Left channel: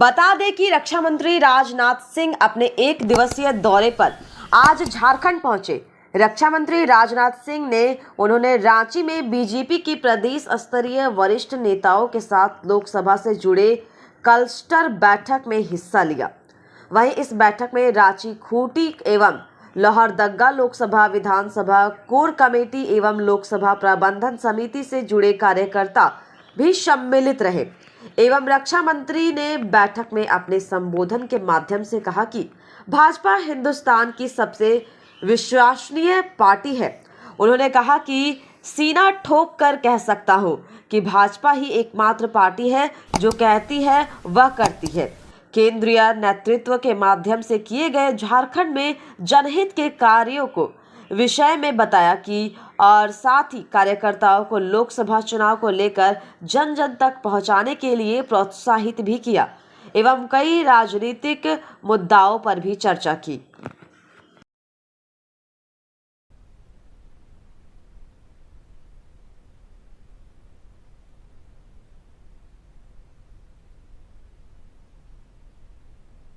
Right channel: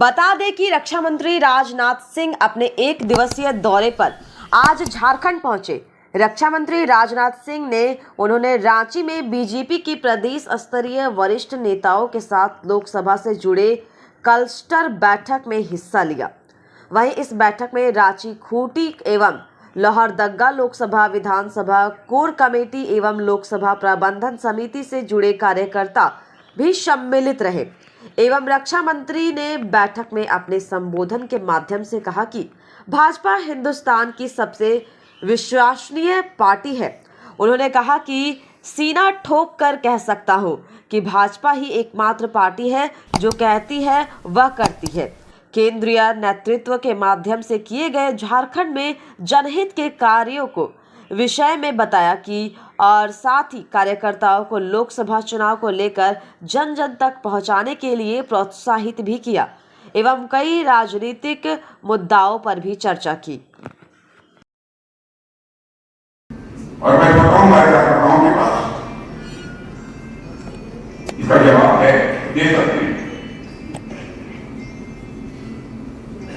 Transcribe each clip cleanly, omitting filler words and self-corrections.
बता दें कि रक्षा मंत्री राजनाथ सिंह अपने एक दिवसीय दौरे पर आज झारखंड पहुंचे। रक्षा मंत्री राजनाथ सिंह ने उन्होंने रांची में बीजेपी की प्रदेश स्तरीय वरिष्ठ नेताओं के साथ लोकसभा से जुड़े क्लस्टर बैठक में हिस्सा लिया। वहीं इस बैठक में रांची खूंटी एवं लोहरदगा लोकसभा विधानसभा कोर कमेटी एवं लोकसभा प्रबंधन समिति से जुड़े कार्यकर्ता भी सम्मिलित रहे। एवं रक्षा मंत्री ने बैठक में अपने संबोधन के माध्यम से कहा कि भाजपा हिंदुस्तान की सबसे विश्वसनीय पार्टी है। उन्होंने कहा कि सीना ठोक कर कह सकता हूं कि भाजपा ही एकमात्र पार्टी है जो कहती है वह करती है। केंद्रीय नेतृत्व के माध्यम से किए गए झारखंड में जनहित के कार्यों को विषय में बताया कि और साथ ही कार्यकर्ताओं को लोकसभा चुनाव को लेकर जन जन तक पहुंचाने के लिए प्रोत्साहित भी किया एवं कई राजनीतिक मुद्दाओं पर भी चर्चा की। और मैं बताऊंगा कार्यकर्ताओं के पास इसका जवाब है, दे सकते हैं।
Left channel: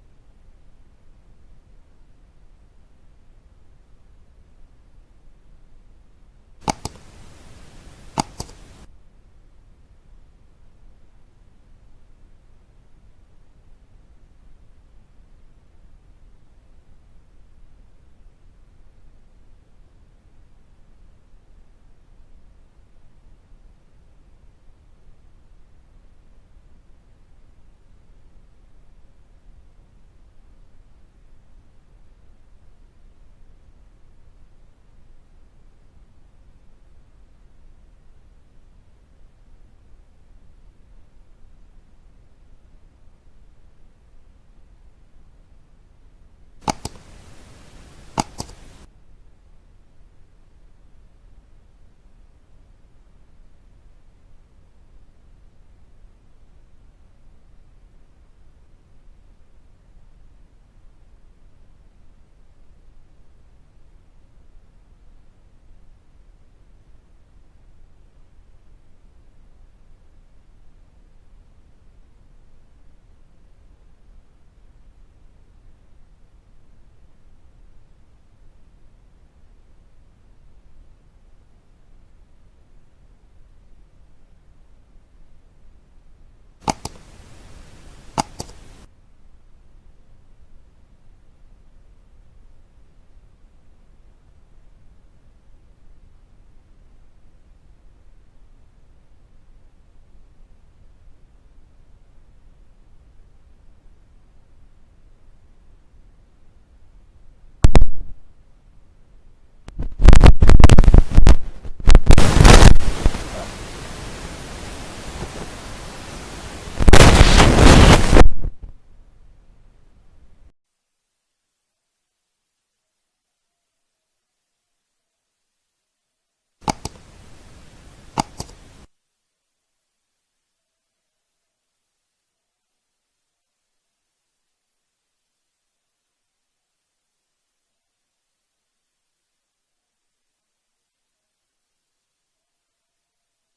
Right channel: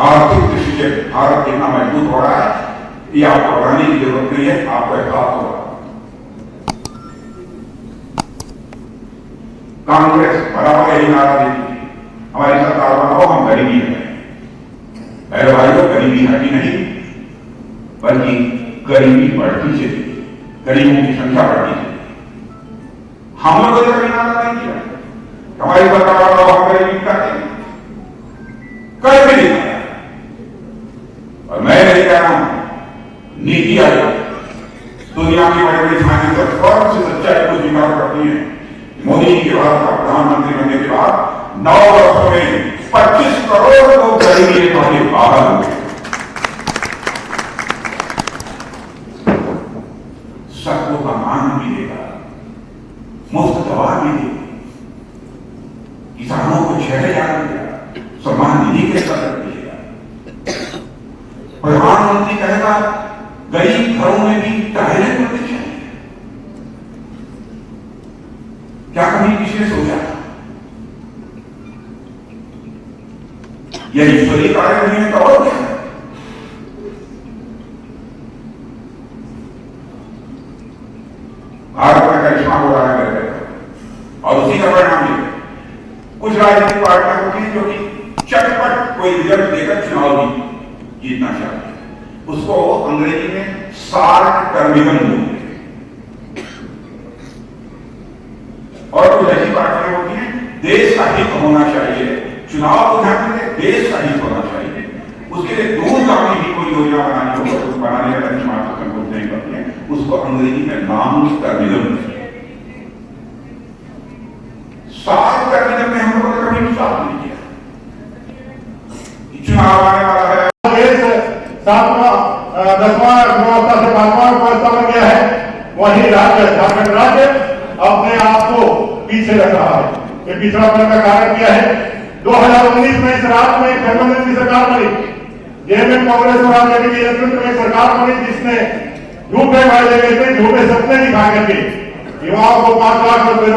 आर्थिक दृष्टि से भारत कितना मजबूत हो रहा है ये आपको बताने की जरूरत नहीं है, आपको एहसास होगा। कांग्रेस बराबर यही नारा देती थी, हमारी सरकार बनाओ, हम गरीबी है। मेरे भाइयों, गरीबी हटी नहीं बल्कि गरीबी बढ़ती चली, गरीबों की संख्या बढ़ती चली। हम लोगों ने कभी नारा नहीं किया हमारी सरकार बनाओ, हम गरीबी काटेंगे, कर भी नहीं। और मैं नहीं कह रहा हूं, नीति आयोग दुनिया की बड़ी बड़ी फाइनेंशियल फर्म से सच्चाई को स्वीकार करती है। मोदी जी के बाद प्रधानमंत्री बनने के बाद 9 वर्षों में 25 करोड़ लोग गरीबी रेखा से बाहर हुए। सबको सम्मान मिलेगा, मुफ्त दवा मिलेगी, किसानों को 6,000 मिलेगा, सम्मान निधि के स्तर मिलेगा। प्रधानमंत्री कहेगा गरीब घरों में भी टॉयलेट होने चाहिए। क्या कभी किसी ने सोचा यह ईश्वरीय कार्य नहीं है तो और क्या? भारत में करिश्मा हो रहा है और उसी का परिणाम ये कुछ राजनीतिक पार्टियां होती हैं जो कि चटपट कोई रिजल्ट देकर चुनाव भी जीतना चाहती है। उसको अंग्रेजी में शार्ट टर्मिनल बोलते हैं। और कुछ ऐसी पार्टियां होती हैं देश का हित होना चाहिए, चुनाव को ध्यान में देश का हित होना चाहिए, उसके लिए दूरगामी भी कोई योजना बनानी हो तो बनाने का बेंचमार्क संकोच नहीं करती है, उसको अंग्रेजी में नाम टर्मिनल बोलते हैं। शार्ट टर्मिनल में हम लोग कभी नहीं चाहते। चुनाव आने वाला है, 10वां गुणवत्ता से 5वां गुणवत्ता बन गया है। वही राज्य झारखंड राज्य अपने आप को पीछे रख रहा है। ये पिछड़ापन का कारण क्या है? 2019 में इस राज्य में गठबंधन की सरकार बनी, जिसमें कांग्रेस और आरजेडी के नेतृत्व में सरकार बनी, जिसने झूठे वायदे करके झूठे सपने दिखा करके युवाओं को 5 लाख रुपए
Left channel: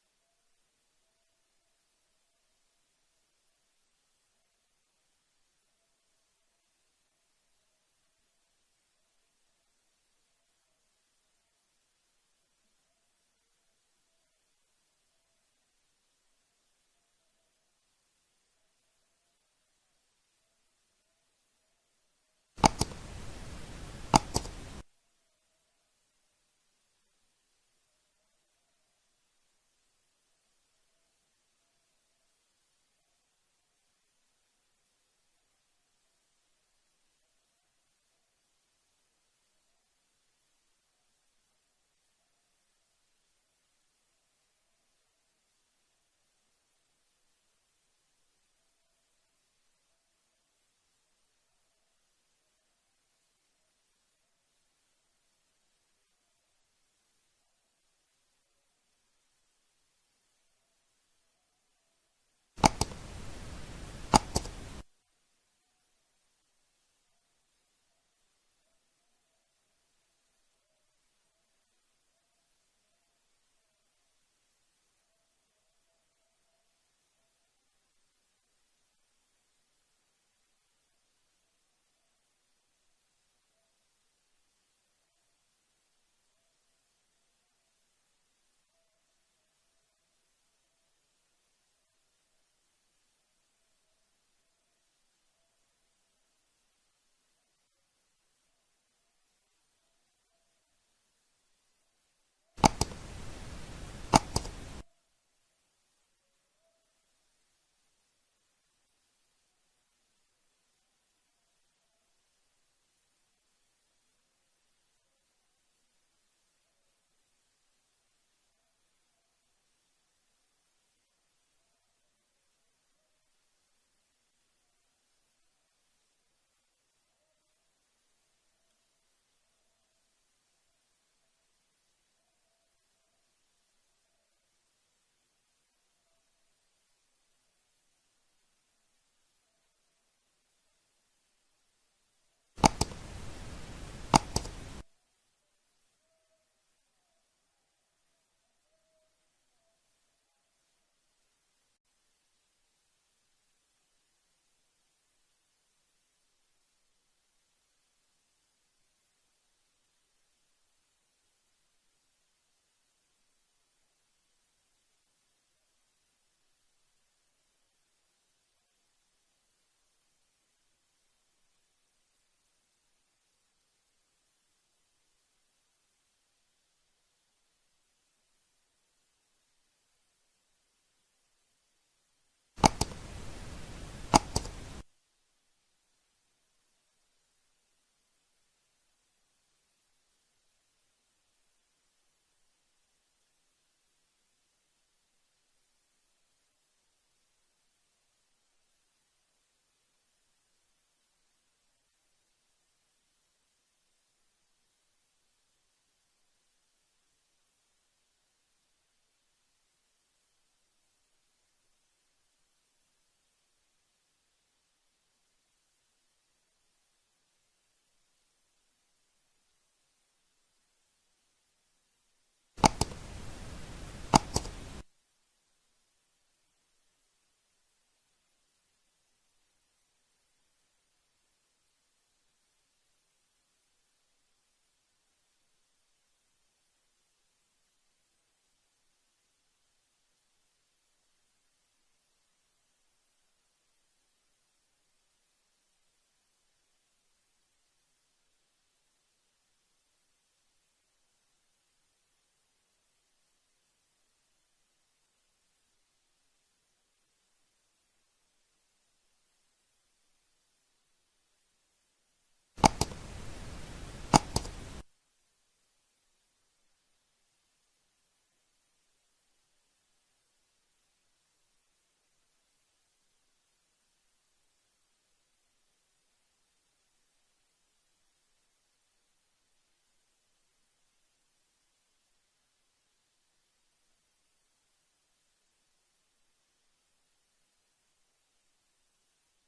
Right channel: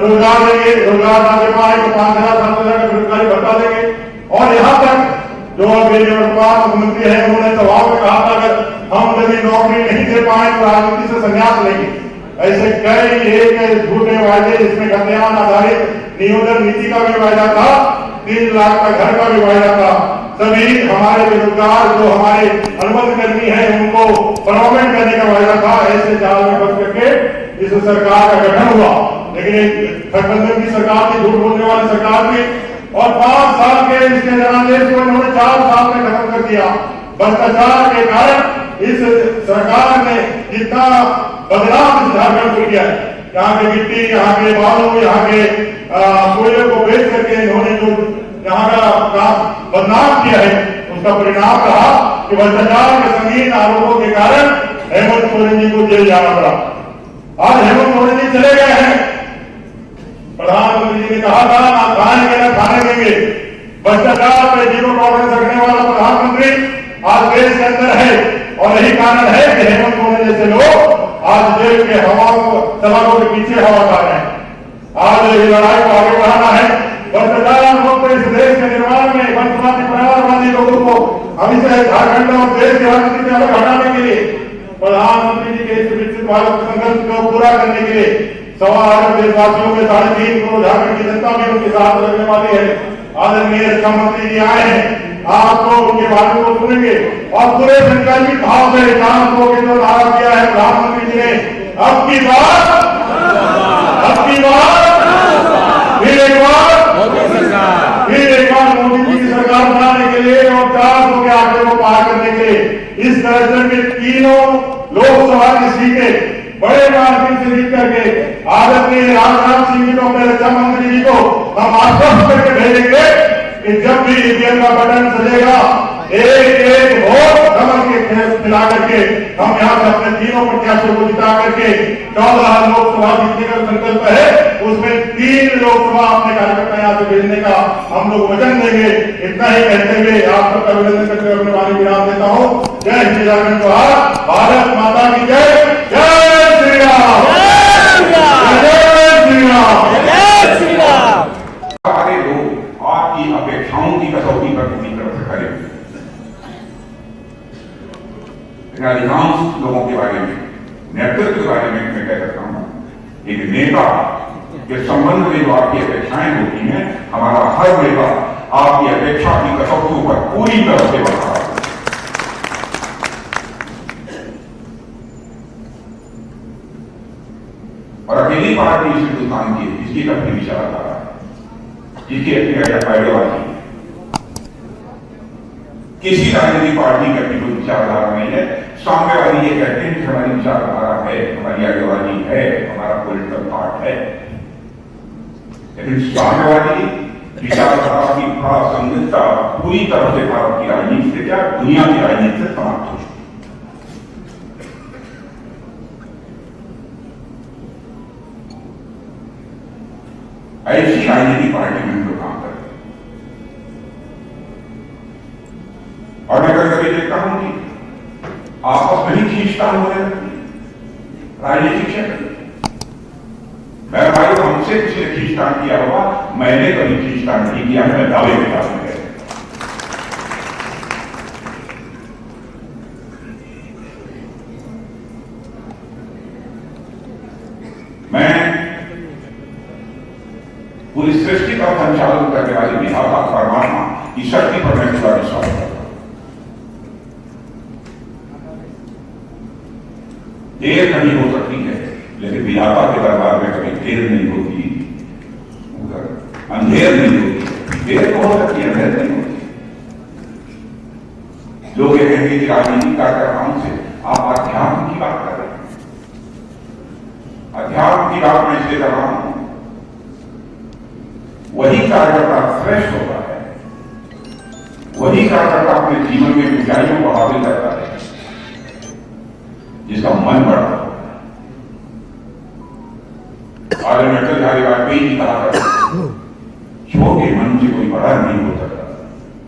रोजगार देंगे, रोजगार ना दे पाए तो 5,000-7,000 का बेरोजगारी भत्ता देंगे। और यहाँ तक जो वर्तमान मुख्यमंत्री है उन्होंने सवाल में कहा था अगर हम यदि नौकरी नहीं दे पाए तो राजनीति से संन्यास लेंगे। ऐसे कई एक झूठे वायदे जिसमें कल्याण आधारित नियोजन नीति का भी वायदा था, 3 लाख का घर का भी वायदा था। सभी हमारे बेरोजगार जो हमारे अनुबंध कर्मी है उनको परमानेंट करने का वायदा था। ऐसे जाल में फंस करके इस सरकार का गठन हुआ। लेकिन गठबंधन की सरकार थी, झूठ बोलने वाली सरकार थी और 5 साल के इसके जनादेश को इन्होंने 4 साल में खत्म कर दिया। भ्रष्टाचार के कारण इस सरकार ने जितना बदलाव झारखंड को किया है, यहाँ के मिट्टी, यहाँ के बालू, यहाँ के कोयले को बेच करके इन्होंने जो यहाँ का बदनाम किया है, उसका परिणाम रहा कि भ्रष्टाचार के संगीन आरोपों के कारण हेमंत सोरेन जी को जेल जाना पड़ा। आज हेमंत सोरेन जी चले गए हैं। प्रधानमंत्री जी ने कहा था ना खाएंगे ना खाने देंगे। भ्रष्टाचार पे जीरो टॉलरेंस रखने वाला प्रधानमंत्री आज देश के अंदर है और यही कारण है कि हेमंत सोरेन जैसे लोग आज देश के हवाओं सलाखों के पीछे हवा खा रहे हैं। आज ये लड़ाई को आगे बढ़ाना है। भ्रष्टाचार मुक्त इस देश के निर्माण में वंशवादी परिवारवादी लोगों को हम इसे झारखंड और देश की राजनीति से अलग हटाने के लिए, प्रधानमंत्री जी के इस विकसित भारत संकल्प को पूरा करने के लिए 1.25 अरब देशवासियों के 3.5 करोड़ झारखंड की जनता भी उनके साथ लगने वाली है। आदरणीय रक्षा मंत्री जी आए हैं, आपको उनके बारे में सुनेंगे और पूरे संकल्पित भाव से काम को केंद्र धारा किया है प्रधानमंत्री जी ने। अब की बार फिर एक बार मोदी जी की सरकार बनाने के लिए और 400 के आंकड़े को पार करने के लिए इस तरह से तीनों लोकसभा की सीटें बड़े मार्जिन से जीत करके आदरणीय राजनाथ सिंह जी को, अपने रक्षा मंत्री जी को हम आश्वस्त करके भेजेंगे कि जब भी ईवीएम का बटन सजेगा, एक वोट कमल के खिला करके हम यहाँ से अपने तीनों प्रत्याशियों को जिता करके 14 लोकसभा जीतने का संकल्प है, उसमें 3 लोकसभा अपने कार्यकर्ता यहाँ से भेजने का हम लोग वचन देंगे। इतना ही कहते हुए आप सबका अभिनंदन करते हुए अपने वाणी विराम देता हूँ। जय श्री राम, भारत माता की जय। जय श्री राम, जय श्री राम। सारे लोग आपकी अपेक्षाओं की कसौटी पर पूरी तरह से खड़े हुए। अधिकांश लोगों के बारे में, नेतृत्व के बारे में मैं कह सकता हूं, एक नेता के संबंध में जो आपकी अपेक्षाएं होती हैं, हमारा हर नेता आपकी अपेक्षा की कसौटियों पर पूरी तरह से बढ़ा है। और अकेली पार्टी इस हिंदुस्तान की, जिसकी अपनी विचारधारा है, जिसकी अपनी आइडियोलॉजी, किसी राजनीतिक पार्टी की अपनी कोई विचारधारा नहीं है। सामने वाली ये कहते हैं कि हमारी विचारधारा है, हमारी आइडियोलॉजी है, हमारा पॉलिटिकल पार्ट है, लेकिन सामने वाली विचारधारा की प्रासंगिकता पूरी तरह से भारत की राजनीति से, क्या दुनिया की राजनीति से समाप्त हो चुकी। ऐसी राजनीतिक पार्टी में हम लोग काम करते हैं। और मैं कभी कभी देखता हूं कि आपस में ही खींचतान होने लगती है राजनीतिक क्षेत्र में। मेरे भाई, हमसे किसी ने खींचतान किया होगा, मैंने कभी खींचतान नहीं किया, मैं दावे के साथ में। मैं पूरी सृष्टि का संचालन करने वाले विधाता परमात्मा की शक्ति पर मैं पूरा विश्वास करता हूं। देर नहीं हो सकती है, लेकिन विधाता के दरबार में कभी देर नहीं होती, अंधेर नहीं होती। देर तो हो सकती है, अंधेर नहीं होती। लोग ये कहेंगे कि राजनीतिक कार्यकर्ताओं से आप अध्यात्म की बात कर रहे हैं। अध्यात्म की बात मैं इसलिए कर रहा हूं, वही कार्यकर्ता श्रेष्ठ होता है, वही कार्यकर्ता अपने जीवन में ऊंचाइयों को हासिल करता है जिसका मन बड़ा होता है। आदरणीय अटल बिहारी वाजपेयी जी कहा करते, छोटे मन से कोई बड़ा नहीं हो सकता,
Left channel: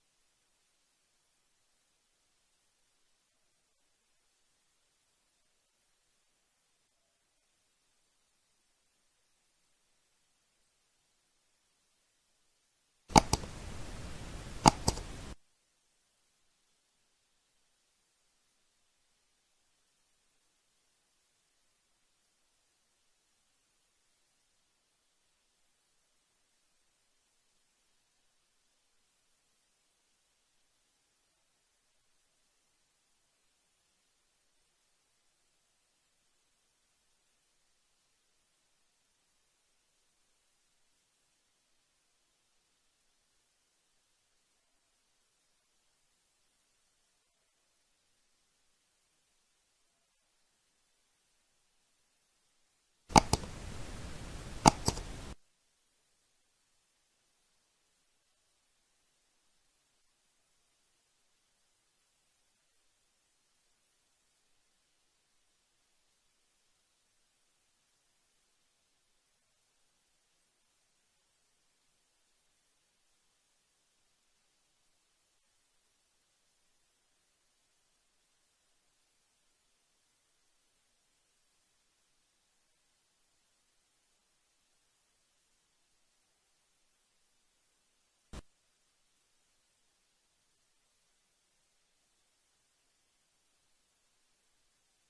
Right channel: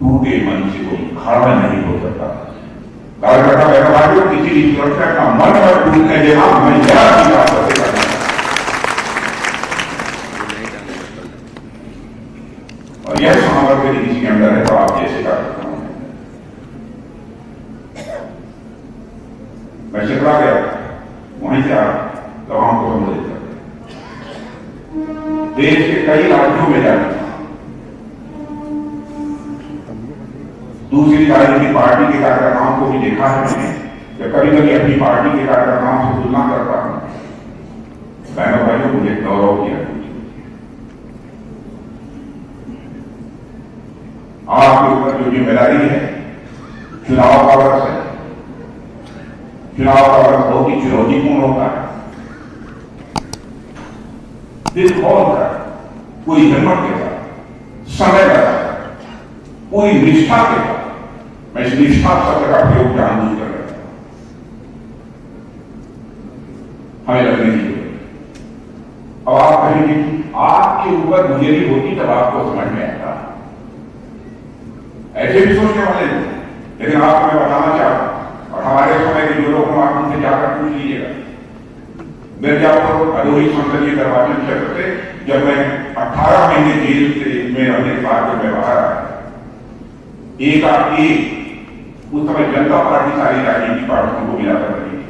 टूटे मन से कोई खड़ा नहीं हो सकता। कार्यकर्ता व्यवहारियों किसी भी सुरक्षा का मन पर टूटने देना मैं जरा की बात करते करना। और यह सामर्थ्य यदि किसी के अंदर है तो आप जैसे कर सकता हूं। मैं शिकवा गया, वहीं से आप गवाहों को संबोधित करते। देश के कई राज्यों में जाते, दूसरी राजनीतिक पार्टी के कार्यकर्ताओं को भी देखा है मैंने, जब कभी कभी अपनी पार्टी के कार्यकर्ताओं से तुलना करता हूं। बहनों भाइयों, मुझे गौरव किया, आपके ऊपर जो जिम्मेदारी है, चुनाव का वर्ष है। चुनाव का वर्ष बहुत ही चुनौतीपूर्ण होता है, दिल खोलकर, पूरी हिम्मत के साथ, समय के साथ, पूरी निष्ठा के साथ। मैं इस निष्ठा शब्द का प्रयोग जानबूझ कर रहा हूं। हमें लगने की अब आप कहेंगे कि आपके ऊपर गुजरी होती तब आपको समझ में आता। ऐसे भी सोचने वाले लोग, लेकिन आपको मैं बताना चाहता हूं, और हमारे समय के जो लोग हम आप उनसे जाकर पूछ लीजिएगा। मिर्जापुर भदोही संसदीय निर्वाचन क्षेत्र से जब मैं 18 महीने जेल से में रहने के बाद जब मैं बाहर आया, एक आप एक उस समय जनता पार्टी सारी राजनीतिक पार्टियों को मिला कर रही थी।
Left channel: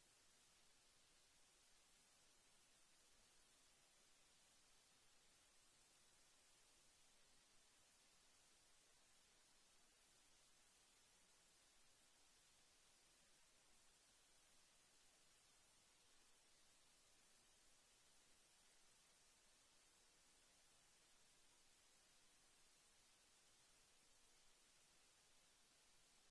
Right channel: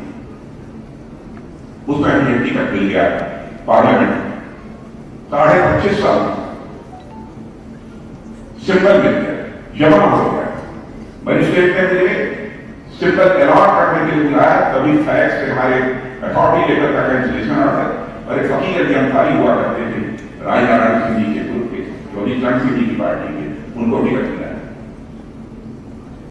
उस समय मुझे टिकट मिल गया पार्लियामेंट में 25.5 साल सिंबल मिल गया, जमा हो गया। मजिस्ट्रेट ने मुझे सिंबल अलॉट करने के लिए बुलाया, तभी फैक्स से हमारे अथॉरिटी लेटर का कैंसिलेशन आता है। और एक फकीर अली अंसारी हुआ करते थे राजनारायण सिंह जी के ग्रुप के, जो अभी चरण सिंह जी की पार्टी के, उनको टिकट